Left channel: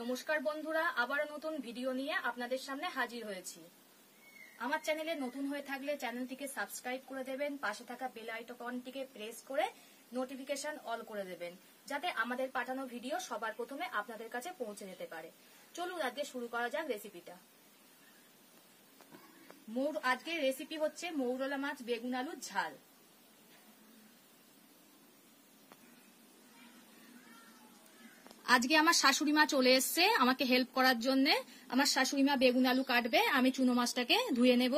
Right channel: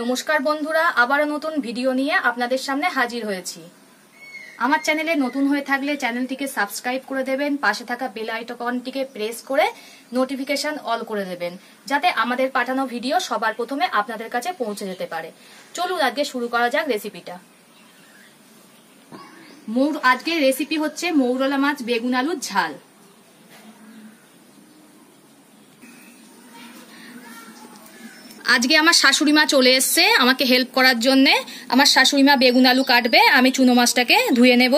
নমস্কার বন্ধুরা, আবারও নতুন ভিডিও নিয়ে আপনাদের সামনে হাজির হয়েছি। আমার চ্যানেলে নতুন হয়ে থাকলে চ্যানেলটিকে সাবস্ক্রাইব করে দেবেন, পাশে থাকা বেল আইকনটিকে প্রেস করে নোটিফিকেশন অল করে দেবেন, যাতে আমাদের পাঠানো ভিডিও সবার প্রথমে আপনাদের কাছে পৌঁছে যেতে পারে। চলুন আজকে শুরু করা যাক রেসিপিটা। আজকের রেসিপি হচ্ছে মৌরলা মাছ বেগুন আলুর ঝাল। আজকে আমার শাশুড়ি মা চলে এসছে আমাকে হেল্প করার জন্য। আমার শাশুড়ি মা বেগুন আলু কাটবে, আমি চুনো মাছটাকে ধুয়ে নেব।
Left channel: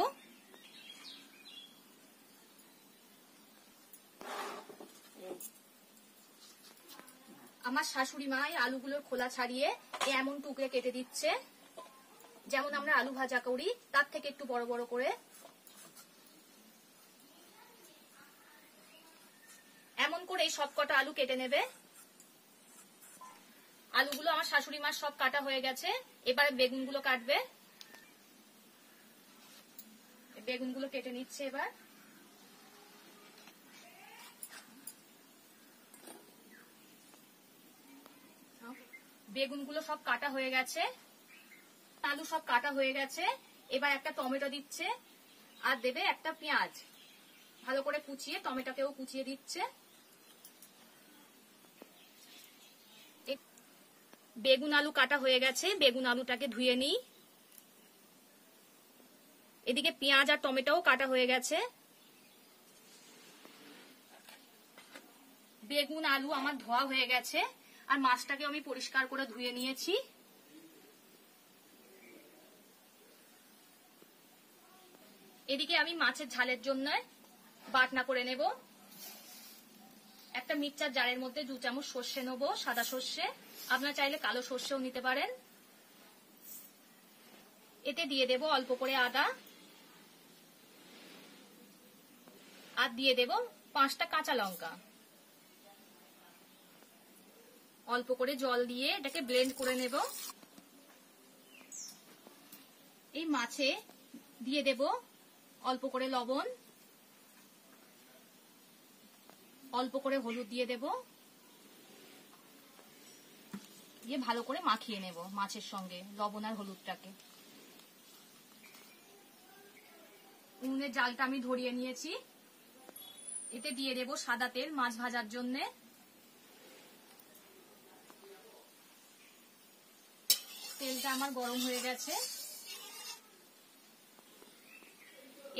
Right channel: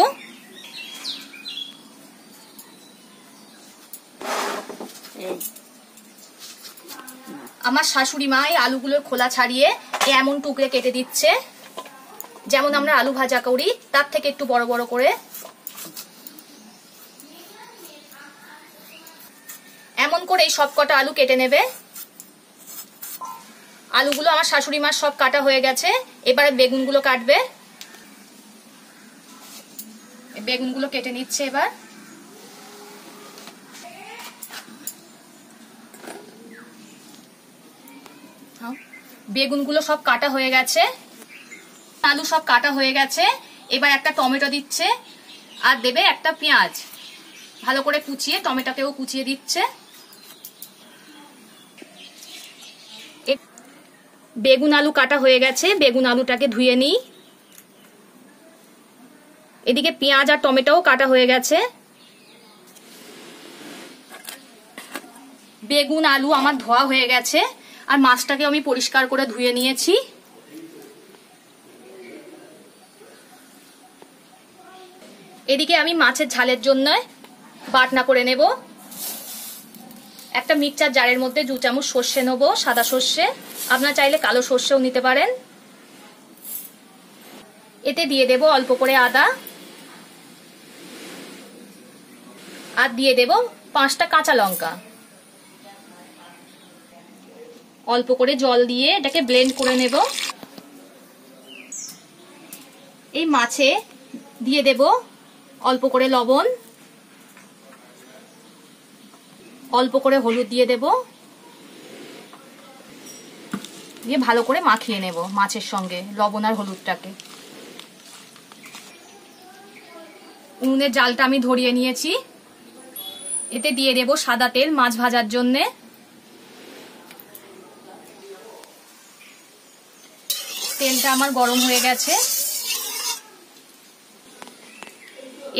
আমার শাশুড়ি মা এই আলুগুলোর খোলা ছাড়িয়ে এমন টুকরে কেটে দিচ্ছে, যেমন আমরা আলু ভাজা করি তার থেকে একটু বড় বড় করে। এমন করে সব কটা আলু কেটে নেবে। আলুগুলো আমার শাশুড়ি মার সব কাটা হয়ে গেছে, এবারে বেগুনগুলো কাটবে। বেগুনগুলো কেটে নিচ্ছে এবার। বেগুনগুলো সব কাটা হয়ে গেছে, আলু সব কাটা হয়ে গেছে। এবার একটা টমেটো দিচ্ছে আর দেবে একটা পেঁয়াজ, ভালো করে কুচিয়ে টমেটোকেও কুচিয়ে দিচ্ছে। বেগুন আলু কাটা হয়ে গেছে, বেগুন আলুটাকে ধুয়ে নিই। এদিকে পেঁয়াজ আর টমেটোও কাটা হয়ে গেছে। বেগুন আলু আমার ধোয়া হয়ে গেছে, আর মাছটাকে আমি পরিষ্কার করে ধুয়ে নিয়েছি। এদিকে আমি মাছের ঝালের জন্য বাটনা করে নেব। একটা মিক্সচার জারের মধ্যে 2 চামচ সর্ষে নেব, সাদা সর্ষে, আপনারা চাইলে কালো সর্ষেও নিতে পারেন। এতে দিয়ে দেব অল্প করে আদা, আর দিয়ে দেব 5টা কাঁচা লঙ্কা। অল্প করে জল দিয়ে এটাকে ব্লেন্ড করে নেব। এই মাছে দিয়ে দেব অল্প করে লবণ, অল্প করে হলুদ দিয়ে দেব, দিয়ে ভালো করে মাখিয়ে নেব মাছের সঙ্গে লবণ আর হলুদটাকে। উনুনের জালটা আমি ধরিয়ে নিয়েছি। এতে দিয়ে দেব সাদা তেল মাছ ভাজার জন্যে। তেলটা আমার গরম হয়ে গেছে।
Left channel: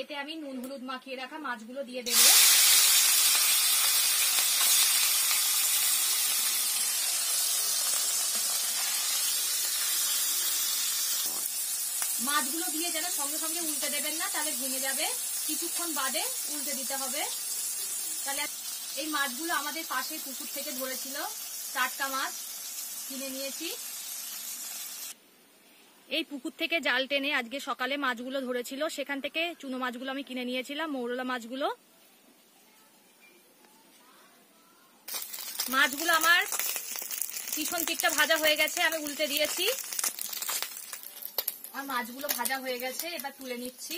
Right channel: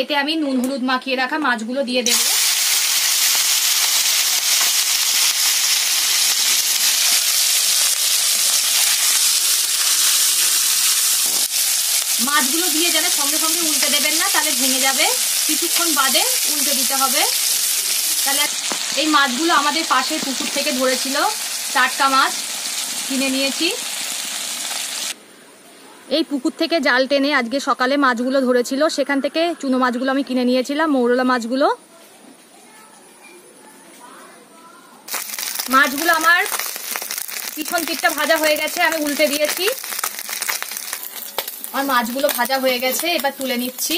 এতে আমি নুন হলুদ মাখিয়ে রাখা মাছগুলো দিয়ে দেব। মাছগুলো দিয়ে যাবে সঙ্গে সঙ্গে উল্টে দেবেন না, তাহলে ভেঙে যাবে। কিছুক্ষণ বাদে উল্টে দিতে হবে। তাহলে এই মাছগুলো আমাদের পাশের পুকুর থেকে ধরেছিল, টাটকা মাছ কিনে নিয়েছি। এই পুকুর থেকে জাল টেনে আজকে সকালে মাছগুলো ধরেছিল, সেখান থেকে চুনো মাছগুলো আমি কিনে নিয়েছিলাম, মৌরলা মাছগুলো। মাছগুলো আমার পিছন পিঠটা ভাজা হয়ে গেছে, আমি উল্টে দিয়েছি। আর মাছগুলো ভাজা হয়ে গেছে, এবার তুলে নিচ্ছি।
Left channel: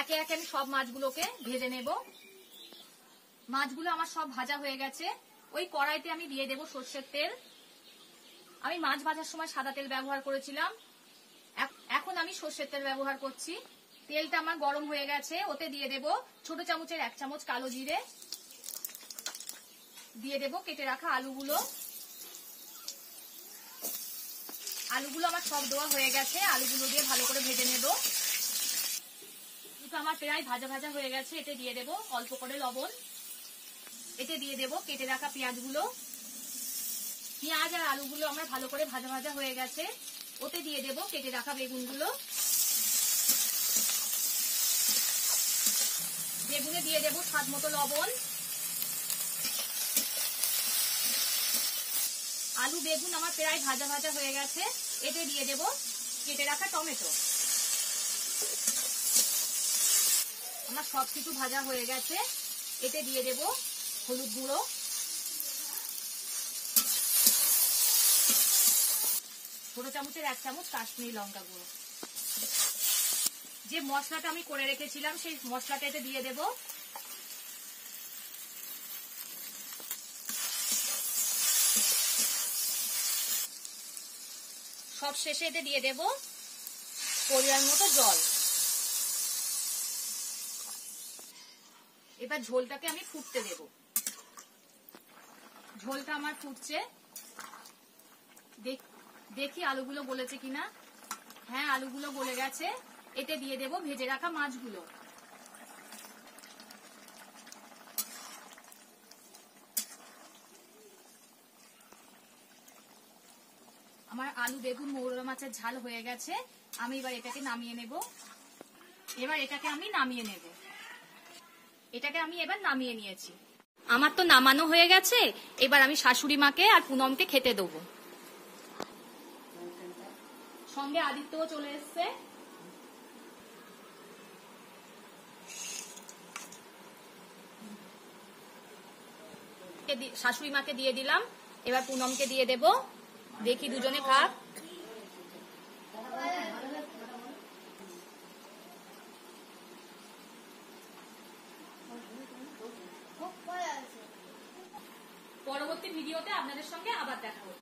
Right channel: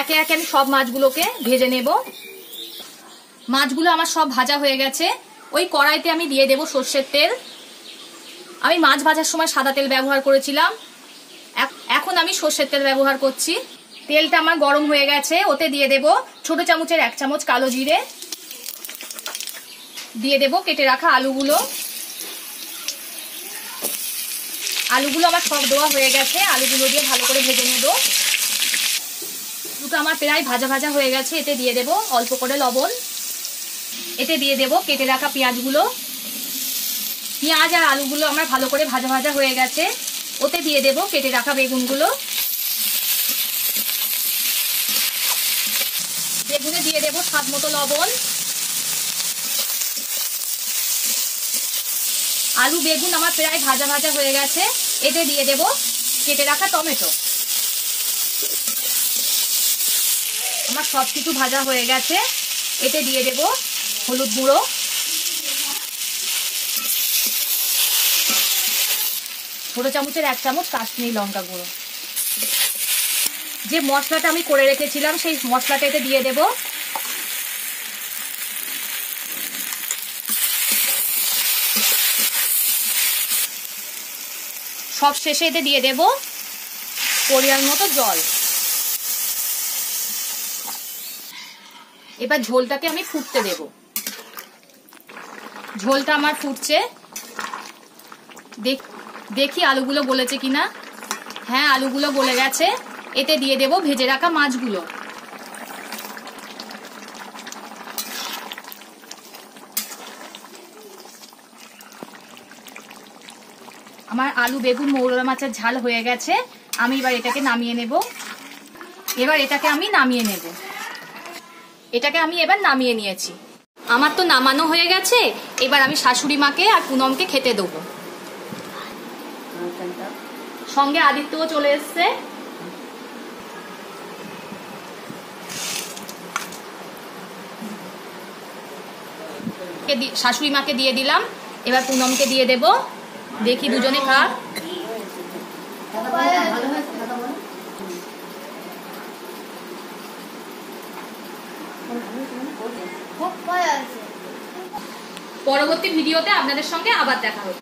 একে একে আমি সব মাছগুলোকে ভেজে নেব। মাছগুলো আমার সব ভাজা হয়ে গেছে। ওই কড়াইতে আমি দিয়ে দেব সর্ষের তেল। আমি মাছ ভাজার সময় সাদা তেল ব্যবহার করেছিলাম, এখন আমি সর্ষের তেল ব্যবহার করছি। তেলটা আমার গরম হয়ে গেছে, ওতে দিয়ে দেব ছোট চামচের 1 চামচ কালো জিরে, দিয়ে দেব কেটে রাখা আলুগুলো। আলুগুলো আমার সব দেওয়া হয়ে গেছে, আলুগুলো দিয়ে ভালো করে ভেজে নেব। দুটো আমার প্রায় ভাজা ভাজা হয়ে গেছে। এতে দিয়ে দেব অল্প করে লবণ, এতে দিয়ে দেব কেটে রাখা পেঁয়াজগুলো। পেঁয়াজ আর আলুগুলো আমার ভালো করে ভাজা ভাজা হয়ে গেছে, ওতে দিয়ে দেব কেটে রাখা বেগুনগুলো। বেগুনে দিয়ে দেব স্বাদ মতো লবণ। আলু বেগুন আমার প্রায় ভাজা ভাজা হয়ে গেছে, এতে দিয়ে দেব কেটে রাখা টমেটো। আমার সবকিছু ভাজা হয়ে গেছে, এতে দিয়ে দেব হলুদ গুঁড়ো, ছোট চামচের 1 চামচ কাশ্মীরি লঙ্কা গুঁড়ো। যে মশলাটা আমি করে রেখেছিলাম সেই মশলাটা এতে দিয়ে দেব। সব শেষে এতে দিয়ে দেব পরিমাণ মতো জল। এবার ঝোলটাকে আমি ফুটতে দেব। ঝোলটা আমার ফুটছে, দেখি আলুগুলো গলেছে কিনা। হ্যাঁ, আলুগুলো গলে গেছে। এতে দিয়ে দেব ভেজে রাখা মাছগুলো। আমার আলু বেগুন মৌরলা মাছের ঝাল হয়ে গেছে। আমি এবার এটাকে নামিয়ে নেব। এটাকে আমি এবার নামিয়ে নিয়েছি। আমার তো নামানো হয়ে গেছে। এবার আমি শাশুড়ি মাকে আর পুনমকে খেতে দেবো। সঙ্গে আদিত্যও চলে এসছে। শাশুড়ি মাকে দিয়ে দিলাম, এবার পুনমকে দিয়ে দেব। দেখি দুজনে খাক। পরবর্তী ভিডিওতে আপনাদের সঙ্গে আবার দেখা হবে।